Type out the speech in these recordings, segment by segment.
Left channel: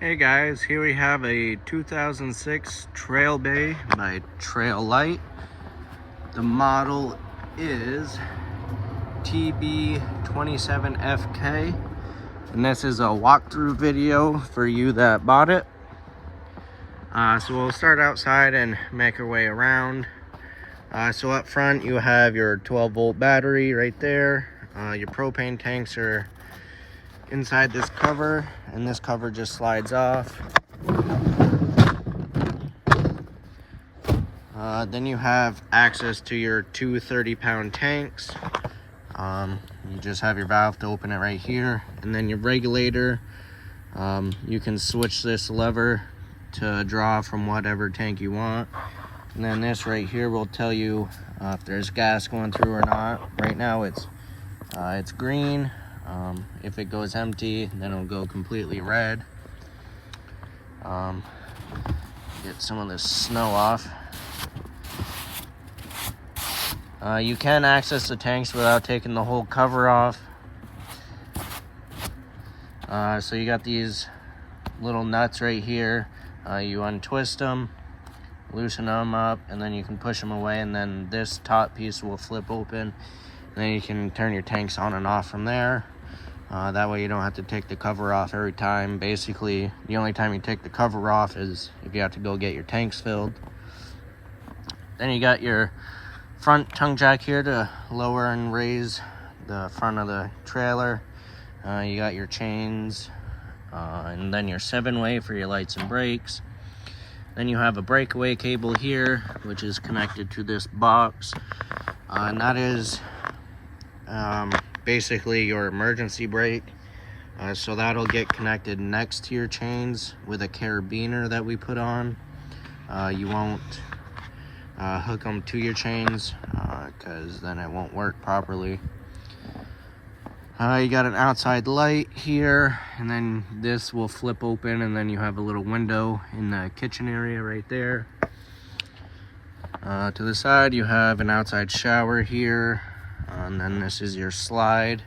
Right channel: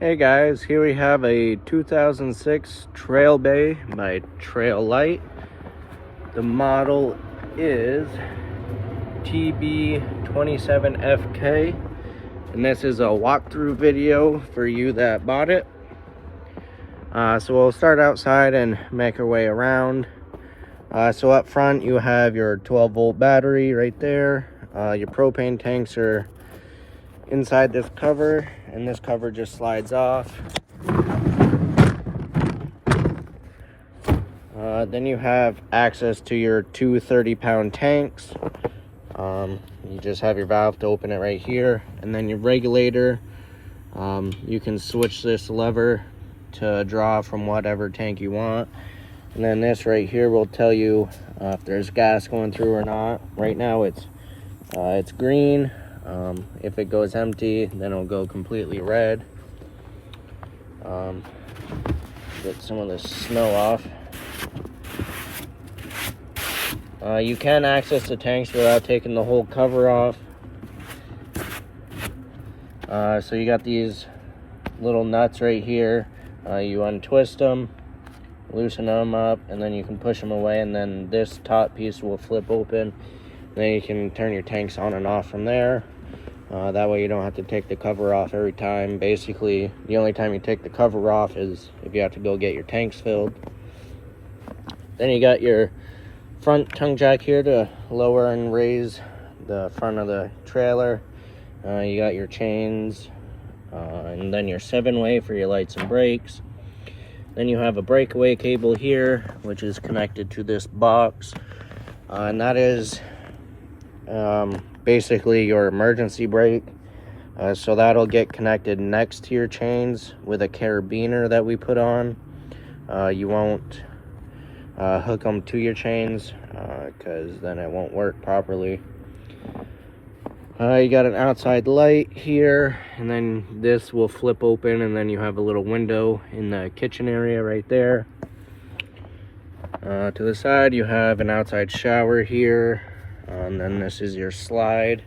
Hey guys, here we have a 2006 Trail Bay by Trail Light. The model is TB27FK, and this is a walkthrough video for you that bought it. So we'll start outside and make our way around. So up front you have your 12-volt battery right there. Your propane tanks are inside this cover, and this cover just slides off. Then you have access to your two 30-pound tanks. You just have your valve to open it right here, and then your regulator. You can switch this lever to draw from whatever tank you want, and then this right here will tell you if there's gas going through or not. Right now it's green. If it goes empty, then it'll go completely red. Get some of this snow off. You can access the tanks without taking the whole cover off. So you got these little nuts right here. You untwist them, loosen them up, and then you can push them away, and then this top piece will flip open. And then you can turn your tanks on and off from there. That way you don't have to take the cover off every time. Basically, the only time you take the cover off is if you have to go get your tanks filled. Then you got your front tongue jack here to lower and raise the front of the trailer. You got your chains, and then your 7-way for your lights and brakes. Then you have a breakaway cable here, which is connected to this box, and that is basically your emergency brake. So that'll get connected next to your chains with a carabiner that we put on. You won't hook them to your chains because then it won't work properly. You got an outside light here, and then this will flip open, and then you have a little window in the kitchen area right there. To the side you have an outside shower here, and then this is your slide.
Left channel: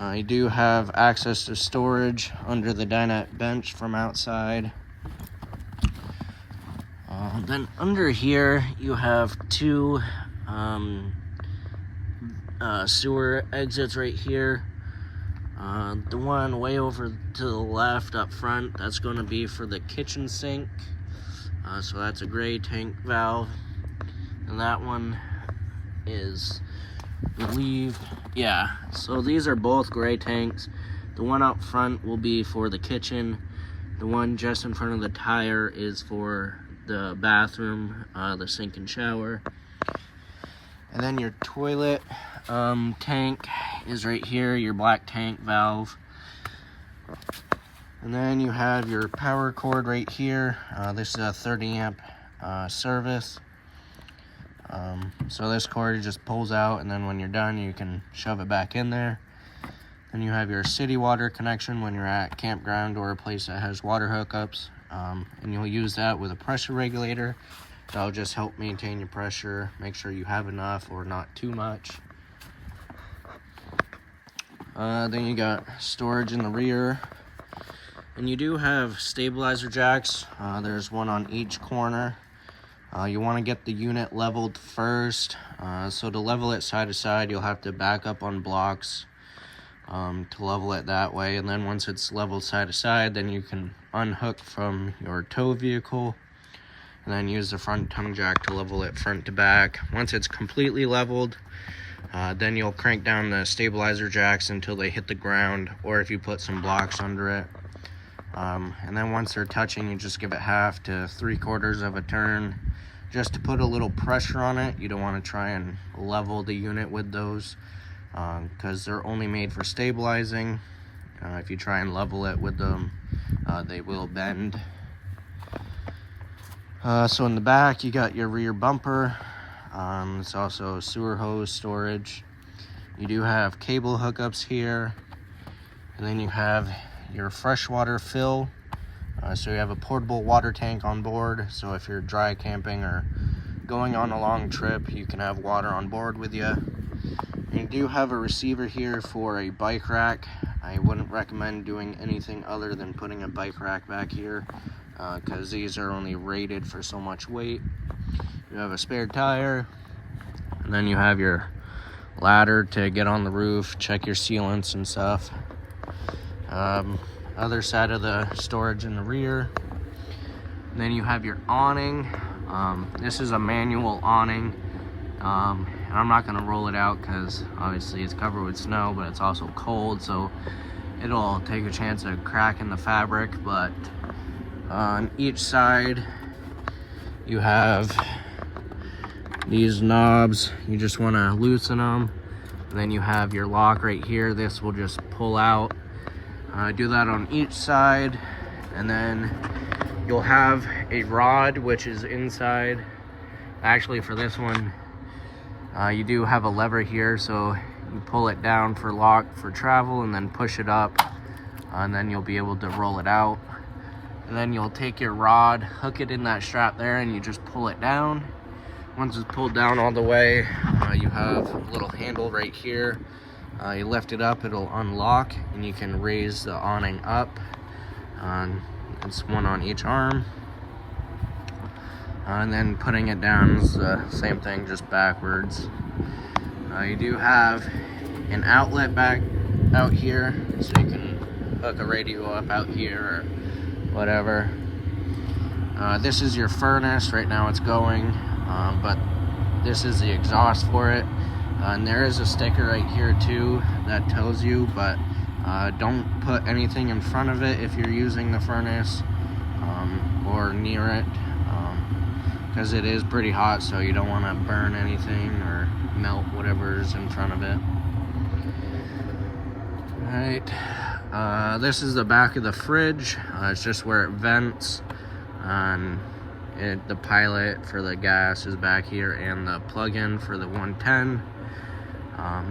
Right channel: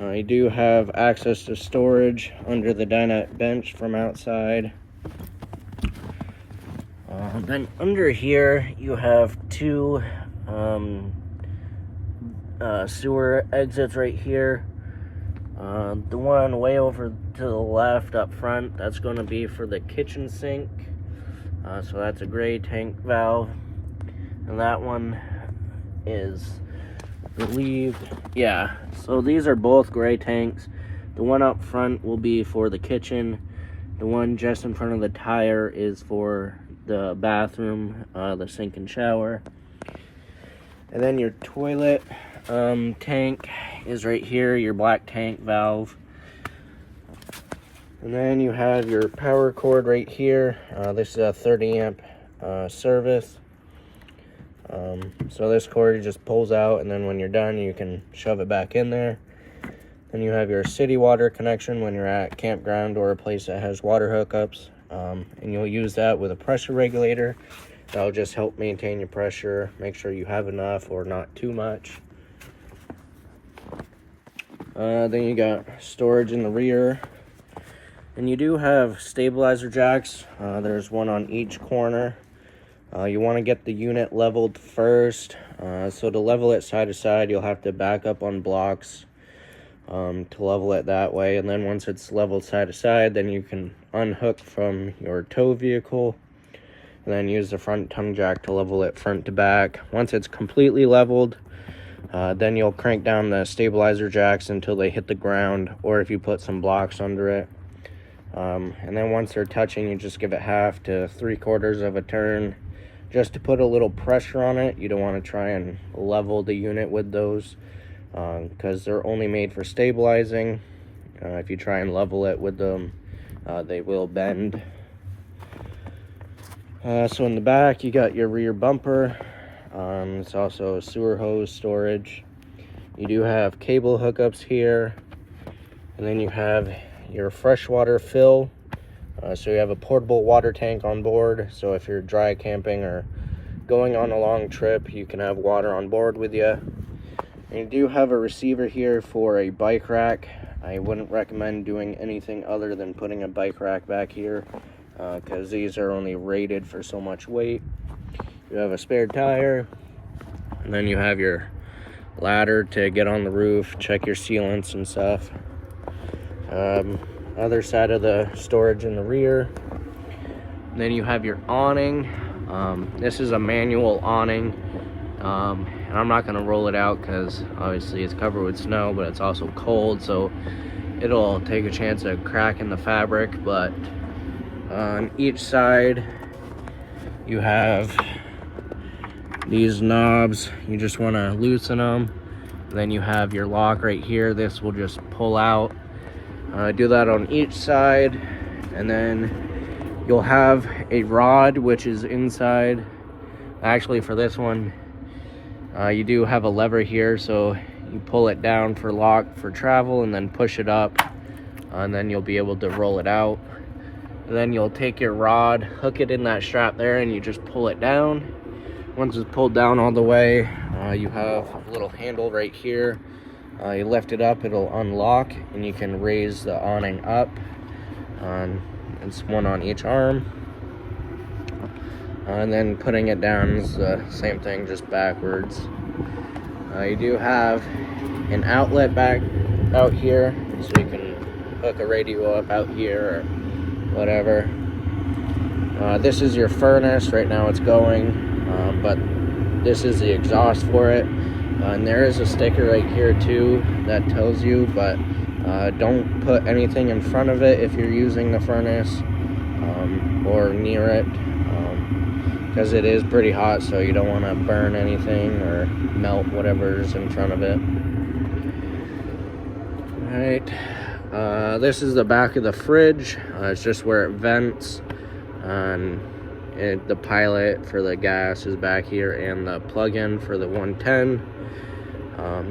You do have access to storage under the dinette bench from outside. Then under here you have two sewer exits right here. The one way over to the left up front, that's going to be for the kitchen sink. So that's a gray tank valve, and that one is relieved. Yeah, so these are both gray tanks. The one up front will be for the kitchen. The one just in front of the tire is for the bathroom, the sink and shower. And then your toilet tank is right here, your black tank valve. And then you have your power cord right here. This is a 30 amp service. So this cord just pulls out, and then when you're done you can shove it back in there. Then you have your city water connection when you're at campground or a place that has water hookups, and you'll use that with a pressure regulator. That'll just help maintain your pressure, make sure you have enough or not too much. Then you got storage in the rear, and you do have stabilizer jacks. There's one on each corner. You want to get the unit leveled first. So to level it side to side, you'll have to back up on blocks to level it that way. And then once it's leveled side to side, then you can unhook from your tow vehicle and then use the front tongue jack to level it front to back. Once it's completely leveled, then you'll crank down the stabilizer jacks until they hit the ground, or if you put some blocks under it. And then once they're touching, you just give it half to 3/4 of a turn just to put a little pressure on it. You don't want to try and level the unit with those because they're only made for stabilizing. If you try and level it with them, they will bend. So in the back you got your rear bumper. It's also sewer hose storage. You do have cable hookups here, and then you have your freshwater fill. So you have a portable water tank on board, so if you're dry camping or going on a long trip, you can have water on board with you. And you do have a receiver here for a bike rack. I wouldn't recommend doing anything other than putting a bike rack back here, because these are only rated for so much weight. You have a spare tire, and then you have your ladder to get on the roof, check your sealants and stuff. Other side of the storage in the rear. Then you have your awning. This is a manual awning, and I'm not gonna roll it out because obviously it's covered with snow, but it's also cold, so it'll take a chance of cracking the fabric. But on each side you have these knobs. You just want to loosen them. Then you have your lock right here. This will just pull out. Do that on each side, and then you'll have a rod which is inside. Actually, for this one, you do have a lever here, so you pull it down for lock for travel and then push it up, and then you'll be able to roll it out. And then you'll take your rod, hook it in that strap there, and you just pull it down. Once it's pulled down all the way, you have a little handle right here. You lift it up, it'll unlock, and you can raise the awning up. It's one on each arm. And then putting it down is the same thing, just backwards. You do have an outlet back out here, so you can hook a radio up out here or whatever. This is your furnace. Right now it's going, but this is the exhaust for it. And there is a sticker right here too that tells you, but don't put anything in front of it if you're using the furnace or near it, because it is pretty hot, so you don't want to burn anything or melt whatever's in front of it. Alright, this is the back of the fridge. It's just where it vents, and the pilot for the gas is back here, and the plug-in for the 110.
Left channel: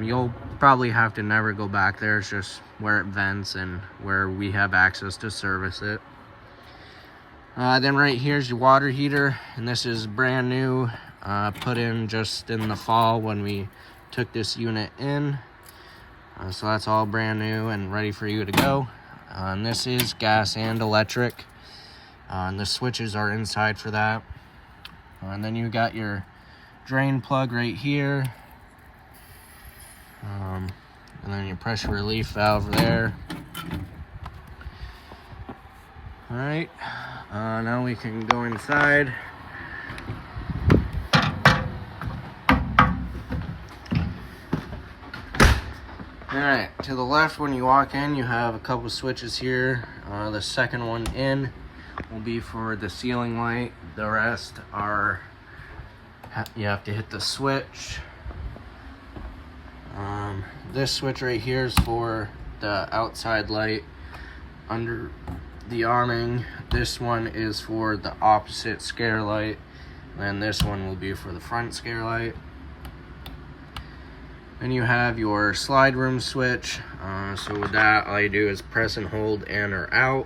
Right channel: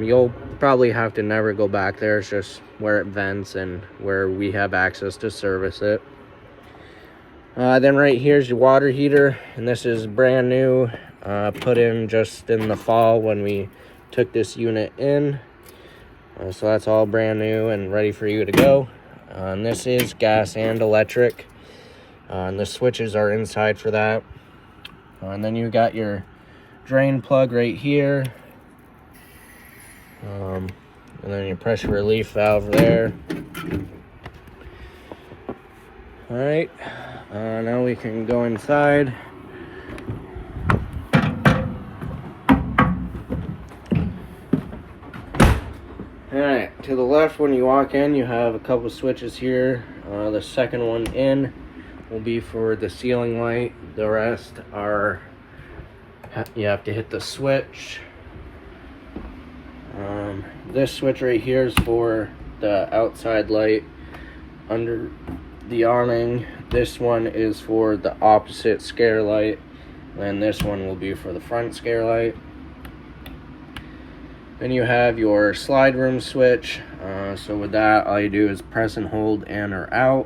You'll probably have to never go back there. It's just where it vents and where we have access to service it. Then right here's your water heater, and this is brand new, put in just in the fall when we took this unit in. So that's all brand new and ready for you to go. And this is gas and electric, and the switches are inside for that. And then you got your drain plug right here, and then your pressure relief valve there. All right, now we can go inside. All right, to the left when you walk in, you have a couple switches here. The second one in will be for the ceiling light. The rest are, you have to hit the switch. This switch right here is for the outside light under the awning. This one is for the opposite scare light, and this one will be for the front scare light. Then you have your slide room switch. So with that, all you do is press and hold in or out,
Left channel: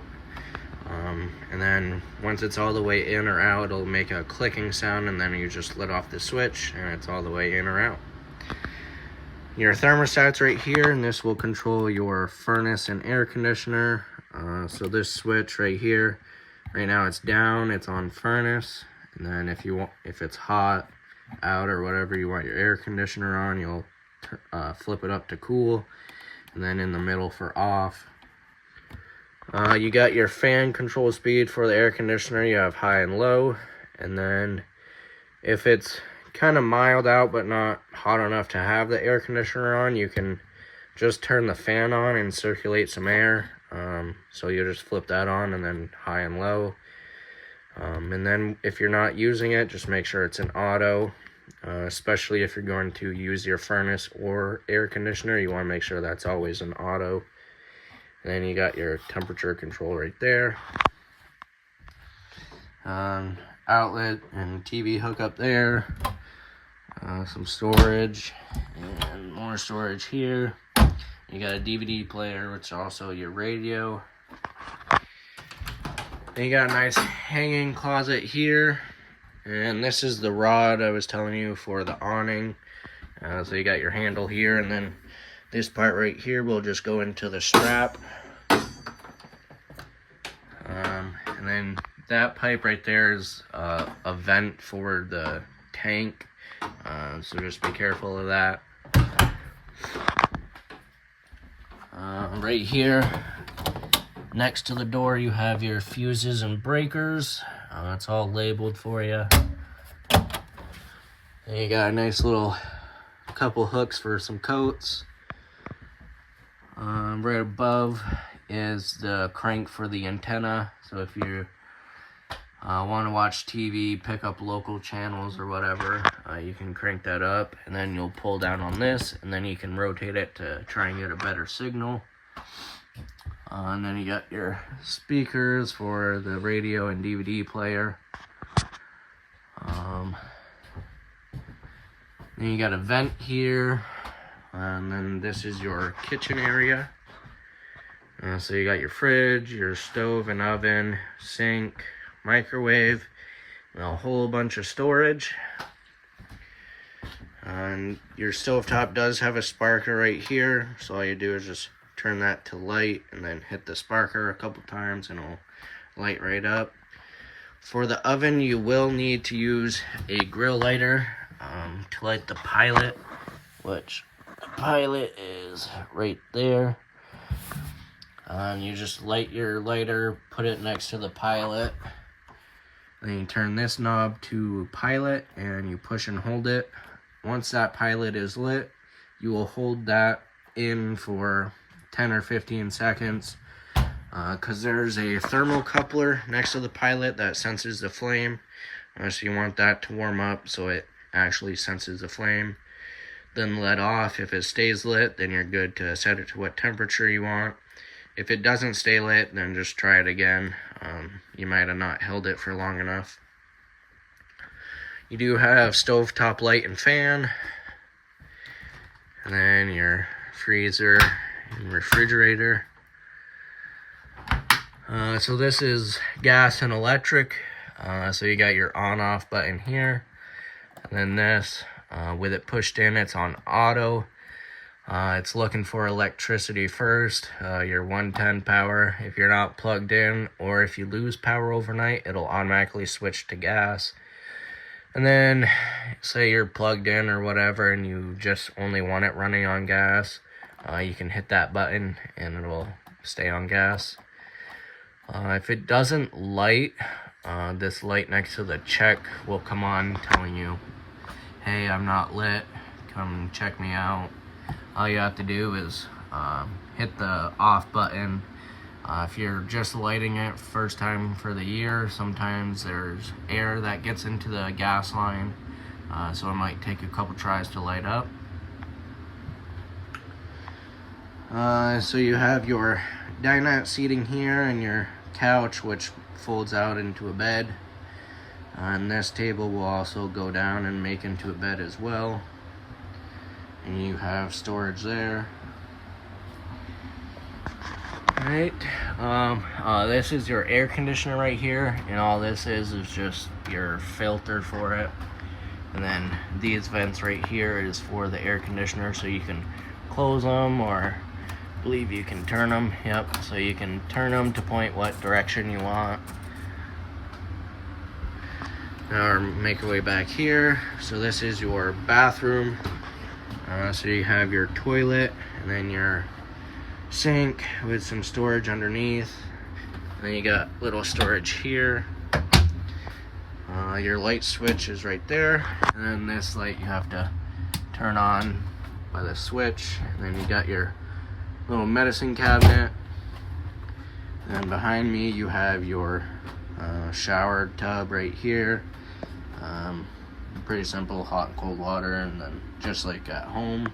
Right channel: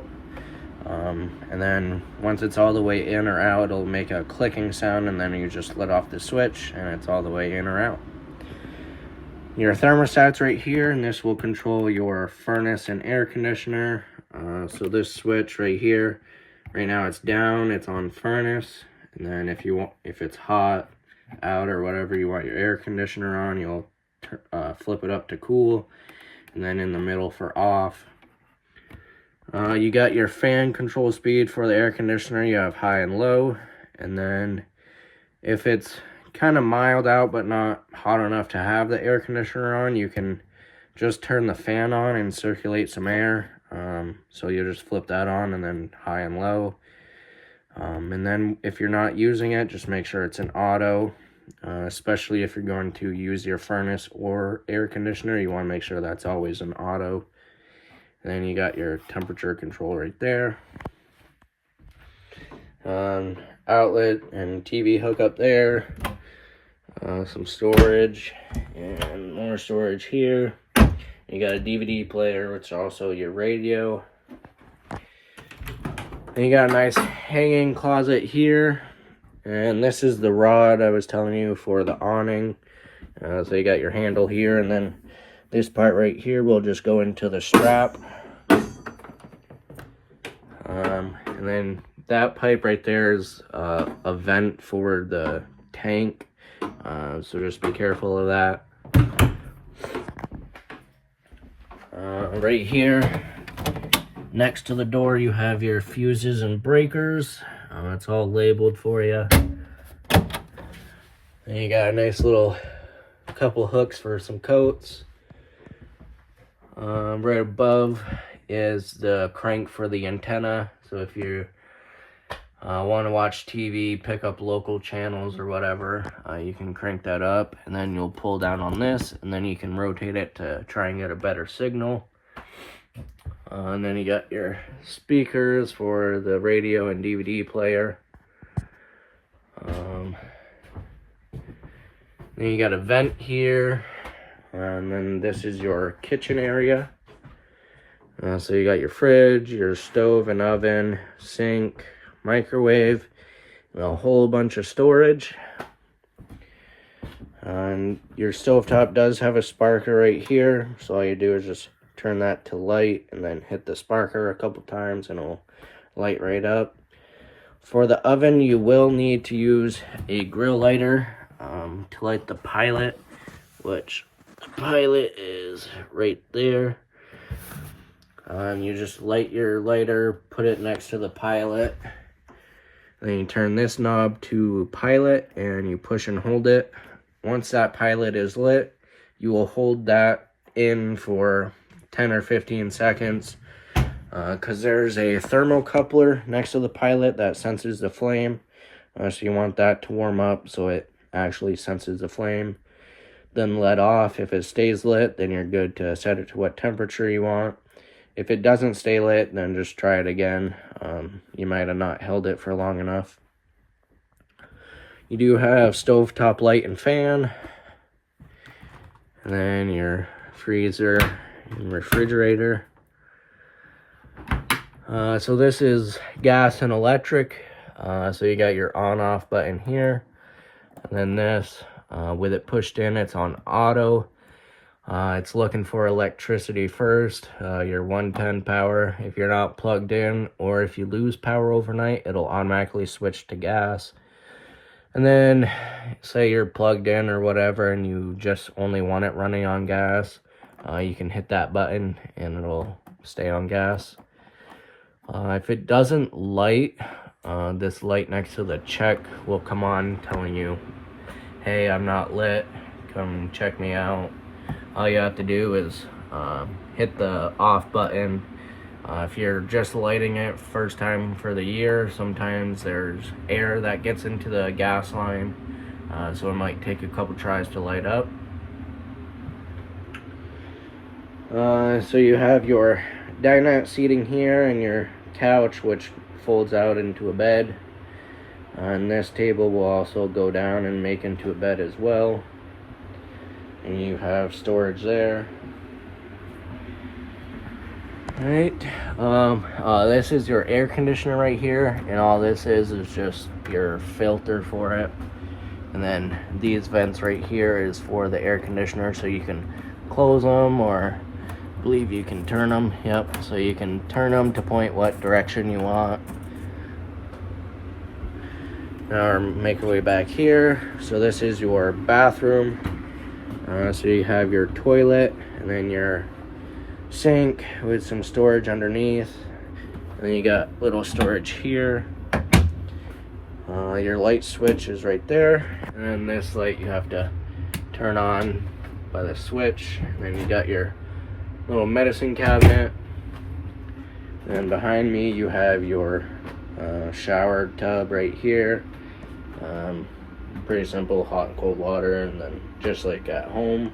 and then once it's all the way in or out, it'll make a clicking sound, and then you just let off the switch and it's all the way in or out. Your thermostat's right here, and this will control your furnace and air conditioner. So this switch right here, right now it's down, it's on furnace, and then if it's hot out or whatever, you want your air conditioner on, you'll flip it up to cool, and then in the middle for off. You got your fan control speed for the air conditioner. You have high and low, and then if it's kind of mild out but not hot enough to have the air conditioner on, you can just turn the fan on and circulate some air. So you just flip that on, and then high and low. And then if you're not using it, just make sure it's an auto, especially if you're going to use your furnace or air conditioner. You want to make sure that's always an auto. And then you got your temperature control right there. Outlet and TV hookup there. Some storage and more storage here. You got a DVD player, which is also your radio. And you got a nice hanging closet here. And this is the rod I was telling you for the awning. So you got your handle here, and then This part right here will just go into the strap. And then that pipe right there is a vent for the tank. So just be careful of that. Right here, next to the door, you have your fuses and breakers. It's all labeled for you. And you got a nice little couple hooks for some coats. Right above is the crank for the antenna. So if you want to watch TV, pick up local channels or whatever, you can crank that up, and then you'll pull down on this, and then you can rotate it to try and get a better signal. And then you got your speakers for the radio and DVD player. Then you got a vent here, and then this is your kitchen area. So you got your fridge, your stove and oven, sink, microwave, and a whole bunch of storage. And your stovetop does have a sparker right here, so all you do is just turn that to light and then hit the sparker a couple times and it'll light right up. For the oven, you will need to use a grill lighter to light the pilot, which the pilot is right there. You just light your lighter, put it next to the pilot, then you turn this knob to pilot and you push and hold it. Once that pilot is lit, you will hold that in for 10 or 15 seconds because there's a thermocoupler next to the pilot that senses the flame. So you want that to warm up so it actually senses the flame. Then let off. If it stays lit, then you're good to set it to what temperature you want. If it doesn't stay lit, then just try it again. You might have not held it for long enough. You do have stovetop light and fan. And then your freezer and refrigerator. So this is gas and electric. So you got your on-off button here. And then this, with it pushed in, it's on auto. It's looking for electricity first, your 110 power. If you're not plugged in, or if you lose power overnight, it'll automatically switch to gas. And then, say you're plugged in or whatever, and you just only want it running on gas, you can hit that button, and it'll stay on gas. If it doesn't light, this light next to the check will come on telling you, hey, I'm not lit, come check me out. All you have to do is hit the off button. If you're just lighting it first time for the year, sometimes there's air that gets into the gas line, so it might take a couple tries to light up. So you have your dinette seating here and your couch, which folds out into a bed. And this table will also go down and make into a bed as well. And you have storage there. Right. This is your air conditioner right here, and all this is just your filter for it. And then these vents right here is for the air conditioner, so you can close them, or I believe you can turn them. Yep, so you can turn them to point what direction you want. Now make our way back here. So this is your bathroom. So you have your toilet, and then your sink with some storage underneath. And then you got little storage here. Your light switch is right there. And then this light you have to turn on by the switch. And then you got your little medicine cabinet. And behind me you have your shower tub right here. Pretty simple, hot and cold water, and then just like at home.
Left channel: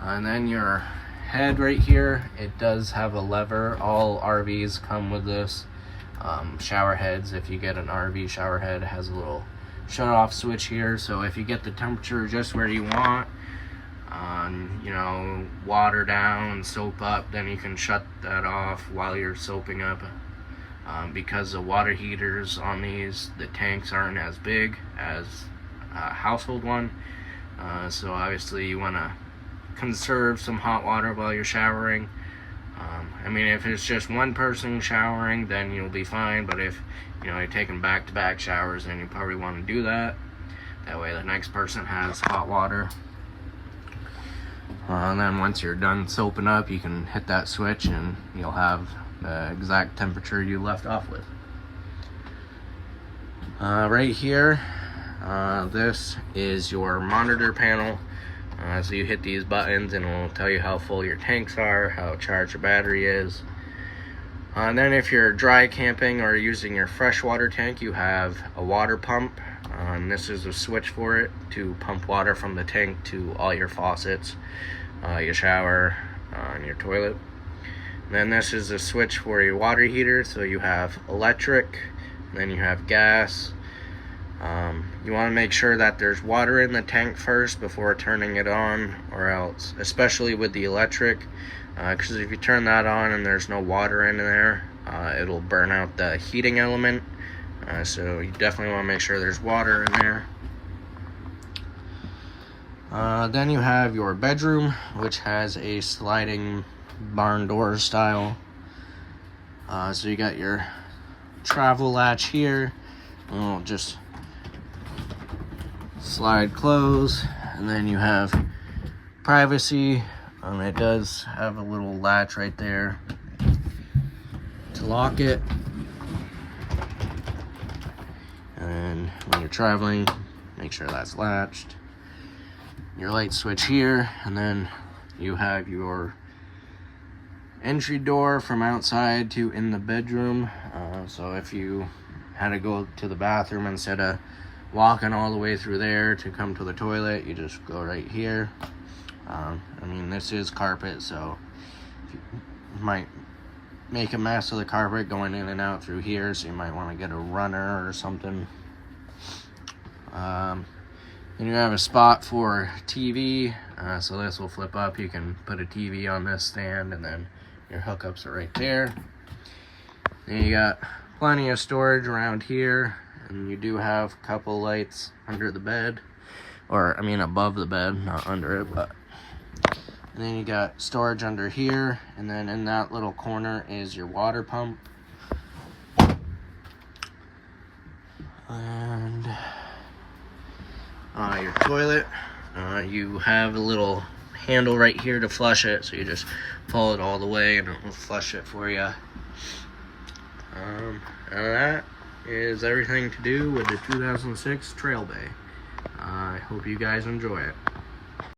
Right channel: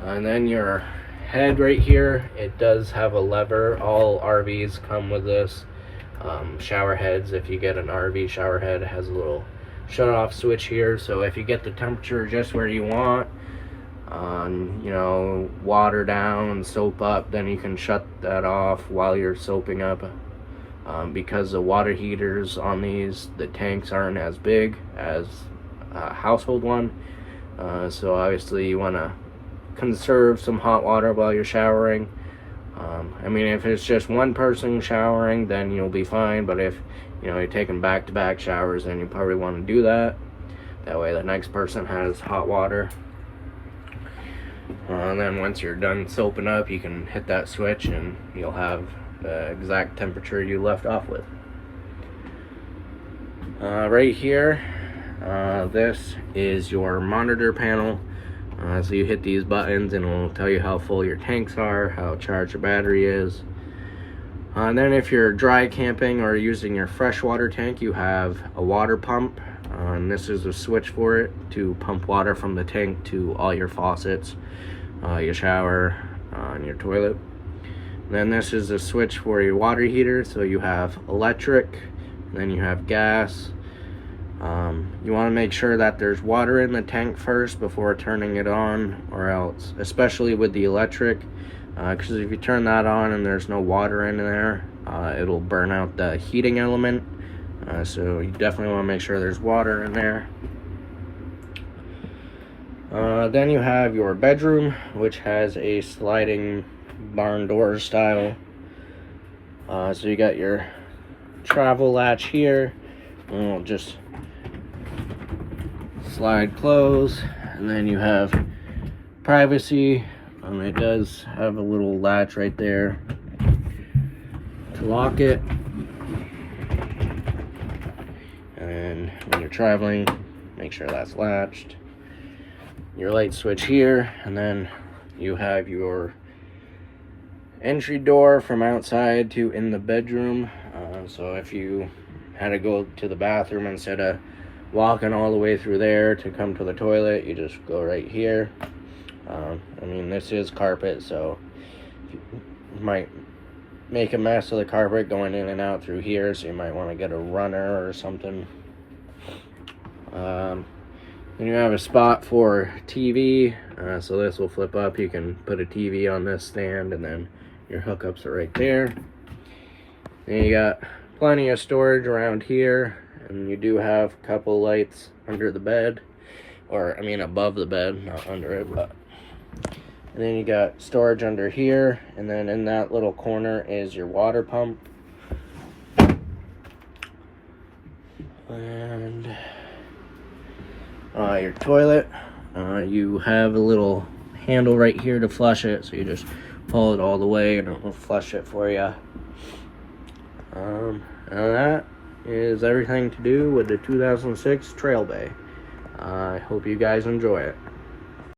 And then your head right here, it does have a lever. All RVs come with this. Shower heads, if you get an RV shower head, it has a little shut off switch here, so if you get the temperature just where you want, you know, water down and soap up, then you can shut that off while you're soaping up. Because the water heaters on these, the tanks aren't as big as a household one, so obviously you want to conserve some hot water while you're showering. I mean, if it's just one person showering, then you'll be fine. But if, you know, you're taking back-to-back showers, then you probably want to do that. That way the next person has hot water. And then once you're done soaping up, you can hit that switch and you'll have the exact temperature you left off with. Right here, this is your monitor panel. So you hit these buttons and it'll tell you how full your tanks are, how charged your battery is. And then if you're dry camping or using your freshwater tank, you have a water pump. And this is a switch for it to pump water from the tank to all your faucets, your shower, and your toilet. And then this is a switch for your water heater. So you have electric, and then you have gas. You want to make sure that there's water in the tank first before turning it on, or else, especially with the electric, because if you turn that on and there's no water in there, it'll burn out the heating element. So you definitely want to make sure there's water in there. Then you have your bedroom, which has a sliding barn door style. So you got your travel latch here. It'll just slide close, and then you have privacy. It does have a little latch right there to lock it. And when you're traveling, make sure that's latched. Your light switch here, and then you have your entry door from outside to in the bedroom. So if you had to go to the bathroom instead of walking all the way through there to come to the toilet, you just go right here. I mean, this is carpet, so you might make a mess of the carpet going in and out through here, so you might want to get a runner or something. Then you have a spot for TV, so this will flip up. You can put a TV on this stand, and then your hookups are right there. Then you got plenty of storage around here, and you do have a couple lights under the bed, or I mean above the bed, not under it. But and then you got storage under here, and then in that little corner is your water pump, and your toilet. You have a little handle right here to flush it, so you just pull it all the way and it will flush it for you. And that is everything to do with the 2006 Trail Bay. I hope you guys enjoy it.